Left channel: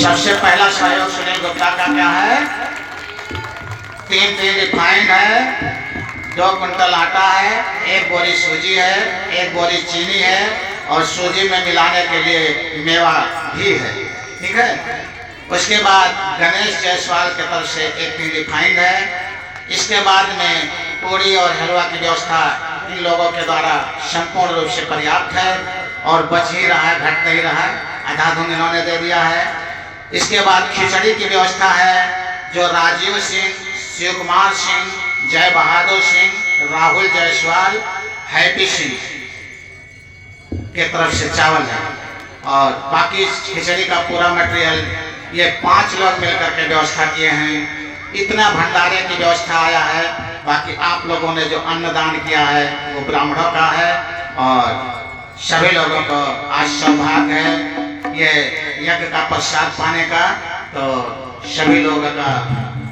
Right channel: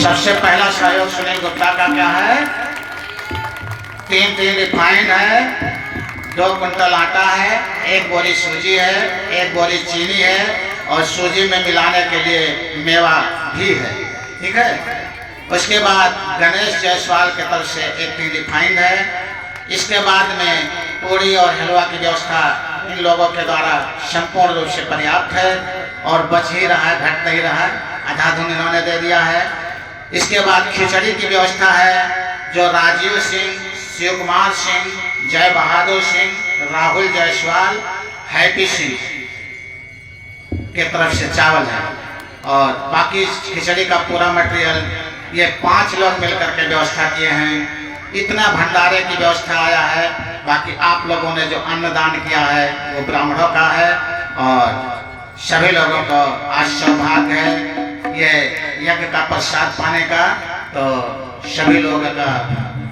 सबसे पहला सहयोग सुनील गुप्ता का क्या है? 3 रिफाइंड है, 2 कुंटल आटा है, 1 बोरी सूजी है, 1 बोरी चीनी है और सूजी में मिलाने के लिए मेवा भी है। ठीक है। उसके बाद गणेश जायसवाल की तरफ से 1 रिफाइंड है। इसके बाद में पूरी और हलवा की व्यवस्था इन लोगों के द्वारा संपूर्ण रूप से पर्याप्त है और बच ही रहा है, घट नहीं रहा है, आधा धुन इन्होंने दे दिया है। इसके बाद खिचड़ी की व्यवस्था है जो राजीव सिंह, शिव कुमार सिंह, जय बहादुर सिंह, राहुल जायसवाल, हैप्पी सिंह के तरफ से चावल है और बाकी खिचड़ी का पूरा मटेरियल ये 5 लोग मिलकर के व्यवस्था किए हैं। इतना भंडारे की व्यवस्था आया है। बाकी आप लोगों ने जो अन्नदान किया है वो ब्राह्मणों का है और सभी लोगों को आज सौभाग्य है ये यज्ञ का प्रसाद पाने का। तो सभी लोगों का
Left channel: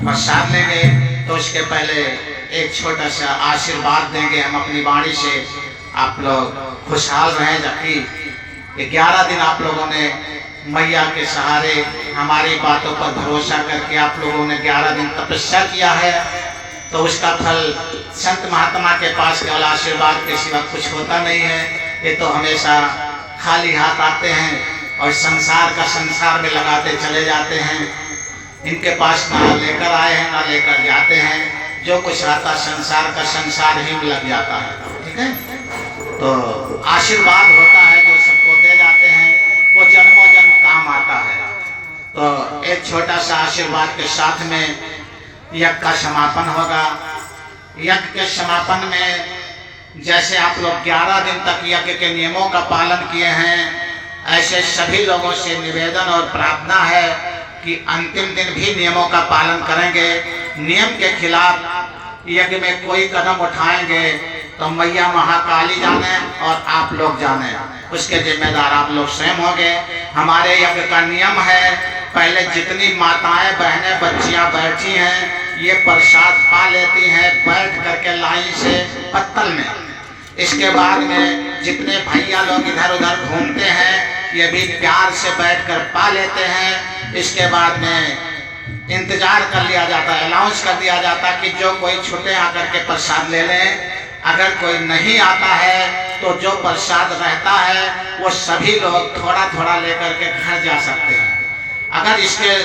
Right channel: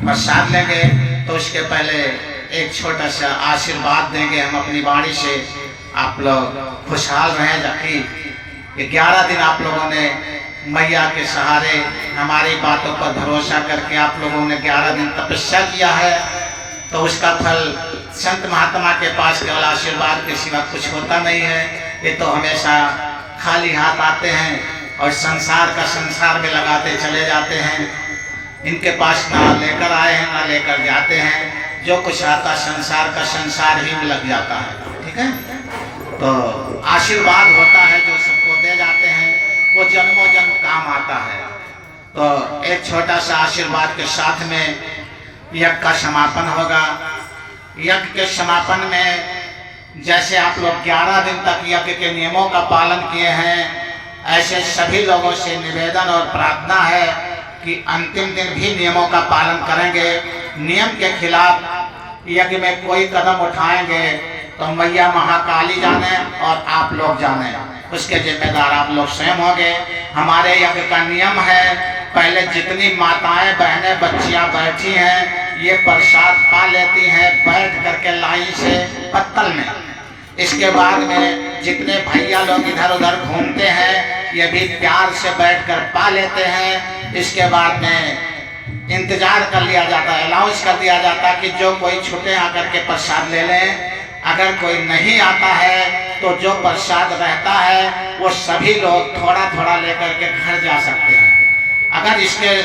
प्रसाद लेंगे तो उसके पहले एक छोटा सा आशीर्वाद देंगे हम अपनी वाणी से। आप लोग खुशहाल रहें, जबकि 11 दिन आप लोगों ने मैया के सहारे हमारी बातों पर भरोसा करके आप लोगों ने 11 दिन तपस्या किया है। तो उसका फल संत महात्मा के पास केवल आशीर्वाद के सिवा कुछ होता नहीं है। ये तो हमेशा खाली हाथ आते हैं और संसार का संसार में लगाते चले जाते हैं। इनके पास ना लेकर आए हैं ना लेकर जाते हैं। जो कुछ आता संसार का संसार ही में लग जाता है। ठीक है। तो आशीर्वाद होता है जो सबको दे जाते हैं, वो जन्मों जन्म काम आता है। तो एक छोटा सा आशीर्वाद के साथ में यज्ञ का समापन होगा। यज्ञ के समापन में जैसे आप लोग 11 दिन तक यज्ञ के नियमों का पालन किए हैं, ऐसे सभी लोगों से निवेदन और प्रार्थना है कि अंतिम दिन भी नियमों का पालन करेंगे। नियम के खिलाफ यज्ञ में कोई कदम उठाएंगे तो मैया महाकाली जाने और आप लोग जाने, उसके जिम्मेदार आप लोग स्वयं होंगे। हमारे यज्ञ का नियम है, पहले जितनी माताएं बहनें बच्चियां बैठी हैं ये प्रसाद पा लेती हैं बैठ करके लाइन से पत्तल में। इसके बाद में जितने भैया लोग इधर उधर घूमते हैं ये भी प्यार से बैठकर पा लेते हैं। इसके बाद में इंतजार कर लिया जाता है, अनाउंस कर दिया जाता है कि जो कोई छुटे आकर के प्रसाद ले लें। अगर कोई नहीं आता है तो जो प्रसाद रहता है वो सभी लोग थोड़ा थोड़ा लेकर के घर जा सकते हैं। अगर इसके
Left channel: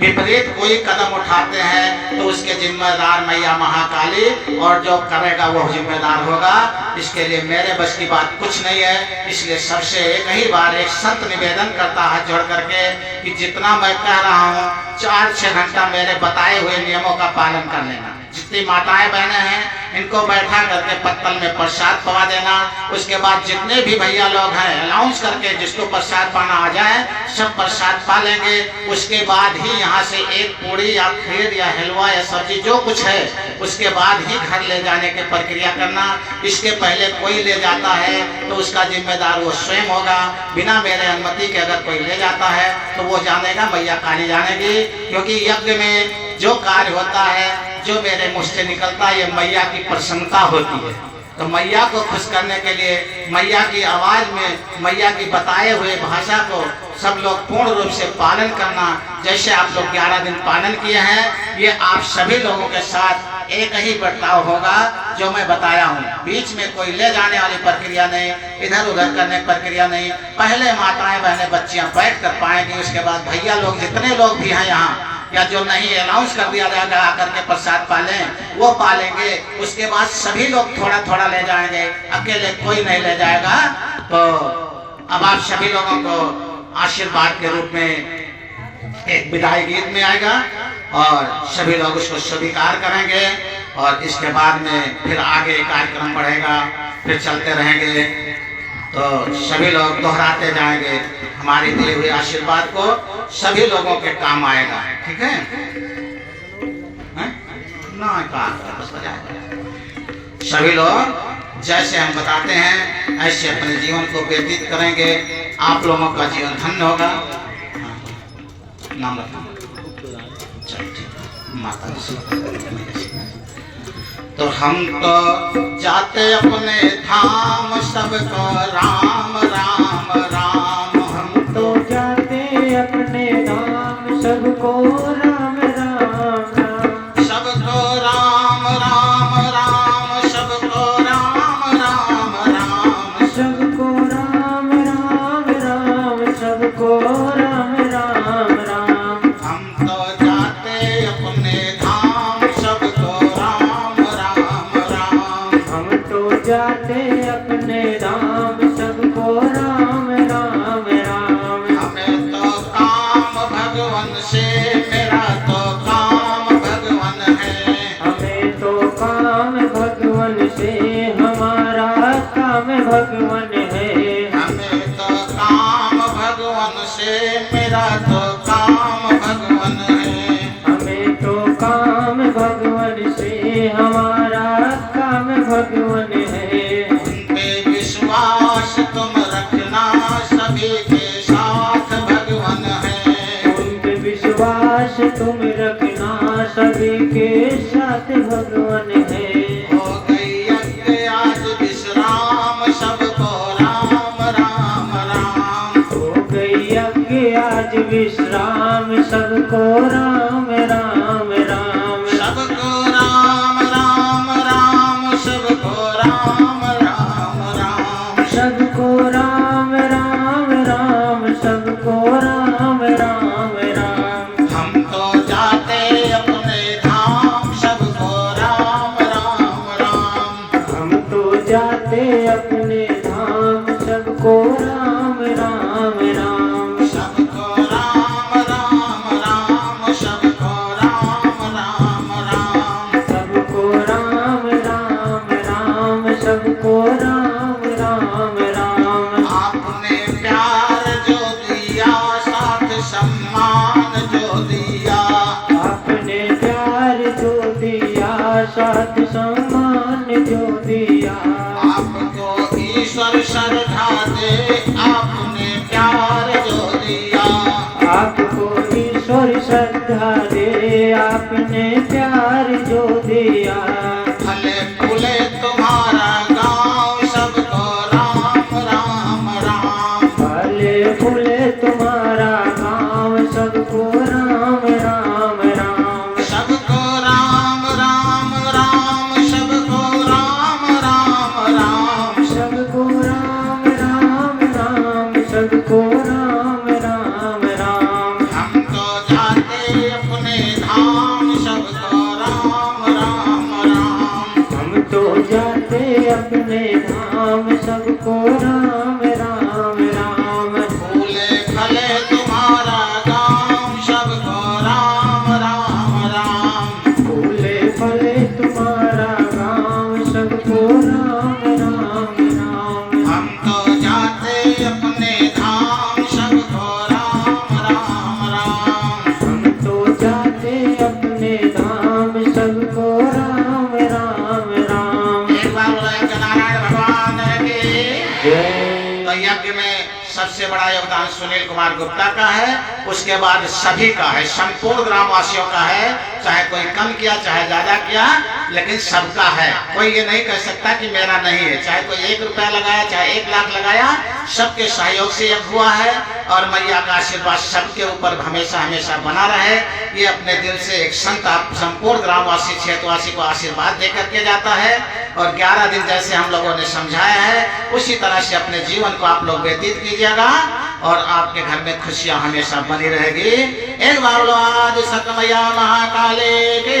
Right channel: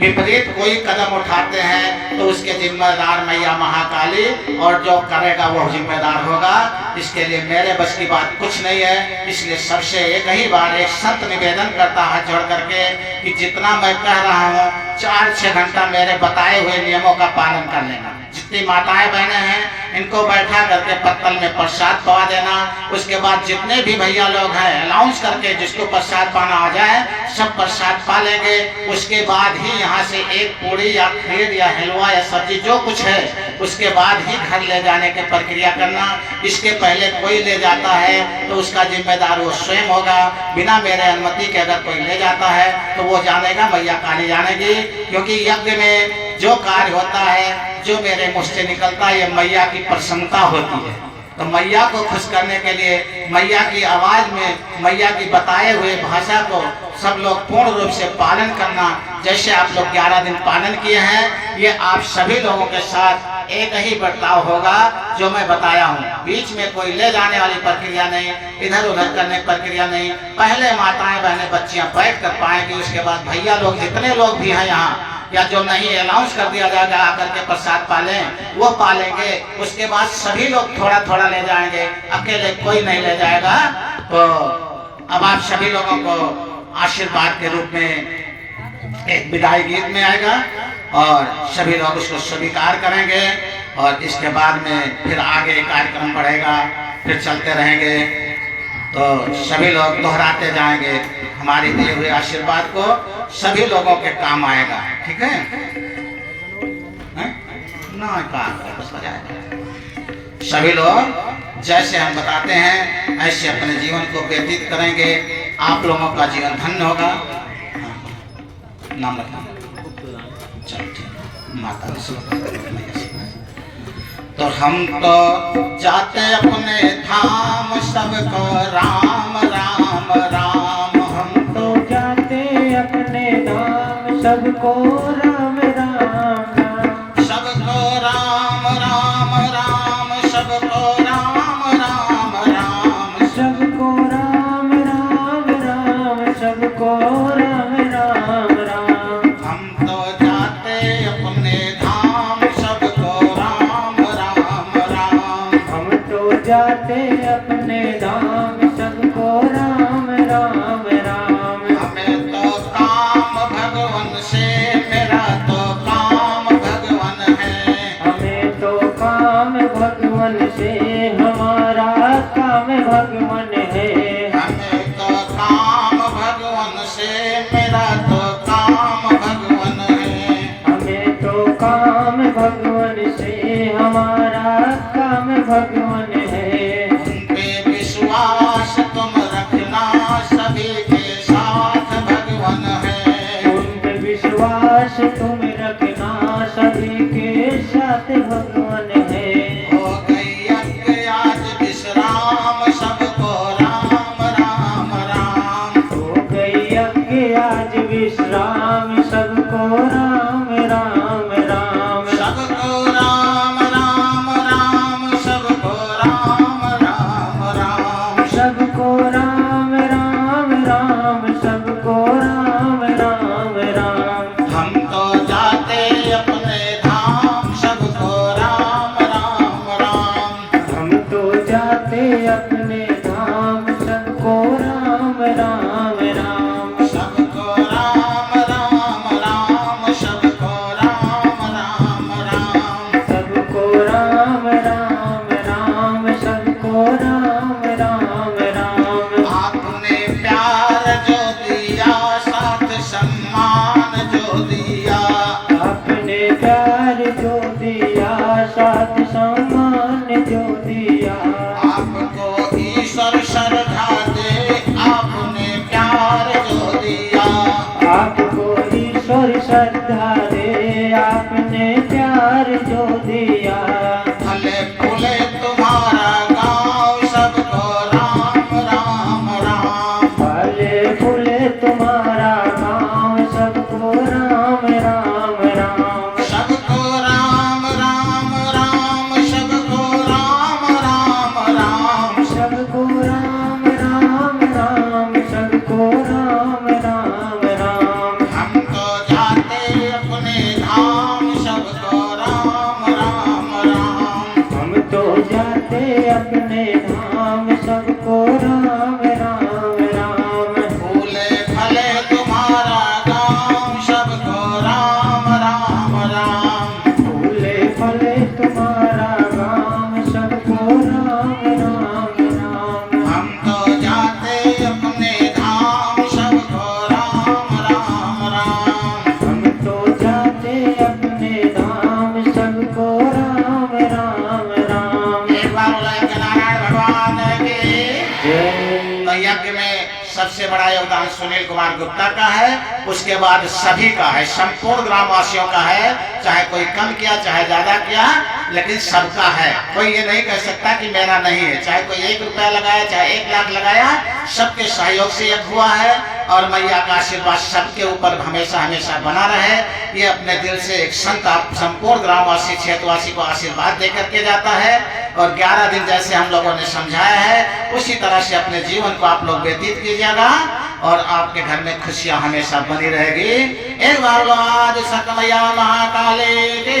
विपरीत कोई कदम उठाते हैं तो उसके जिम्मेदार मैया महाकाली और जो करेगा वो जिम्मेदार होगा। इसके लिए मेरे बस की बात कुछ नहीं है। इसलिए सबसे एक ही बार एक सत्य निवेदन करता है जोड़ करके कि जितना मैं कह रहा हूँ 4-6 घंटा मेरे बताए हुए नियमों का पालन कर लेना। जितनी माताएं बहनें हैं इनको बैठा करके पत्तल में प्रसाद पवा देना। उसके बाद जितने भी भैया लोग हैं अनाउंस करके जिसको प्रसाद पाना आ जाए सब प्रसाद पा लेंगे। उसके बाद ही यहाँ से एक पूरी या खीर या हलवा या सब्जी जो कुछ है उसके बाद ही घर ले जाने की प्रक्रिया करना। इसके पहले कोई ले जाता है तो उसका जिम्मेदार वो स्वयं होगा। बिना मेरे अनुमति के अगर कोई ले जाता है तो वो जानेगा, मैया काली जानेगी। क्योंकि यज्ञ में जो कार्य होता है जो मेरे मुँह से निकलता है ये मैया की प्रसन्नता होती है। तो मैया को खुश करने के लिए मैया की आवाज में मैया की बताए हुए भाषा को सब लोग पूर्ण रूप से पालन करना। जैसे आप लोग 11 दिन पालन किए हैं ये आप सभी लोगों के साथ एक ही बर्ताव होगा जो मैं बताया हूँ। बीच में कोई ले जाने वाली प्रक्रिया नहीं, इधर उधर करने की प्रक्रिया नहीं। पहले माताएं बहनें बच्चियां बैठ कर पाएंगी। उसके बाद भैया लोग जितने लोग भी हैं यहाँ या जो नहीं अनाउंस कर दिया जाएगा आकर के प्रसाद पालें वो पालेंगे। उसके बाद सभी लोग थोड़ा थोड़ा ले जाएंगे, अकेले कोई नहीं ले जाएगा। तो अब आप सभी लोगों को आशीर्वाद के रूप में एक विदाई गीत में आएगा और सभी लोग उसको स्वीकार करेंगे और इसके बाद में फिर आगे कार्यक्रम बढ़ेगा, फिर चलते रहेंगे। तो सभी लोग दोहराते जाएंगे। हमारी दिए हुए आशीर्वाद को सभी लोगों के काम आएगा। ठीक है ना? सभी लोग जैसे हम बताते हैं ऐसे अपने जीवन को व्यतीत करेंगे। आप लोगों का जीवन धन्य होगा। नाम माता तो हम तो जाते अपने धाम सबको राम राम राम। हम तो जाते अपने धाम सबको राम राम राम, सबको राम राम राम, सबको राम राम राम, सबको राम राम राम, सबको राम राम राम। हम तो जाते अपने धाम, सबको राम राम राम, हम तो जाते अपने धाम, सबको राम राम राम। हमें तो काम भगवान से, मेरा तो काम भगवान है, हमें तो काम भगवान से, हमारा काम भगवान है। हमें तो काम भगवान से, मेरा तो काम भगवान है, हमें तो काम भगवान से, हमारा काम भगवान है। उन पे विश्वास तुम रखना, सभी के साथ भगवान है, उन पे विश्वास तुम रखना, सभी के साथ भगवान है। हो गई यज्ञ आज विश्राम, सबको राम राम राम, हो गई यज्ञ आज विश्राम, सबको राम राम राम। सबको राम राम राम, सबको राम राम राम, सबको राम राम राम, सबको राम राम राम। हम तो जाते अपने धाम, सबको राम राम राम, हम तो जाते अपने धाम, सबको राम राम राम। सबको राम राम राम, सबको राम राम राम, सबको राम राम राम, सबको राम राम राम। आपने प्यार जो दिया, साथ सम्मान जो दिया, आपने प्यार जो दिया, साथ सम्मान जो दिया। आपको ईश्वर श्रद्धा दे, आपने प्यार जो दिया, आपको ईश्वर श्रद्धा दे, आपने प्यार जो दिया। फले फूले तुम्हारा गाँव, सबको राम राम राम, फले फूले तुम्हारा गाँव, सबको राम राम राम। सबको राम राम राम, सबको राम राम राम, सबको राम राम राम, सबको राम राम राम। हम तो जाते अपने धाम, सबको राम राम राम, हम तो जाते अपने धाम, सबको राम राम राम। फूले फले तुम्हारा गाँव, सबको राम राम राम, फूले फले तुम्हारा गाँव, सबको राम राम राम। हम तो जाते अपने धाम, सबको राम राम राम, हम तो जाते अपने धाम, सबको राम राम राम। एक बार बोला नारायण भगवान की। जय। तो यज्ञ में सबसे बड़ा योगदान सुनील कुमार गुप्ता का है, उसके बाद सभी का है, संपूर्ण ग्रामवासियों का है, चाहे कोई कम किया चाहे ज्यादा किया, लेकिन सबका है। कोई ये नहीं कह सकता कि मेरा नहीं है, चाहे कोई 1 रुपया लगाया चाहे 1 लाख लगाया, सबके सहयोग से यज्ञ हुआ है। और मैया का आशीर्वाद सबके ऊपर हमेशा हमेशा बना रहे। ये अपने दिल से एक संत संपूर्ण ग्रामवासी क्षेत्रवासी को आशीर्वाद दे करके जाता है। और 11 दिन जैसे हम लोगों ने समझाया है, उसी तरह से अपने जीवन को आप लोग व्यतीत कीजिएगा और आपके घर में खुशियां हमेशा बनी रहेगी। एक बार आज सकल मैया महाकाली की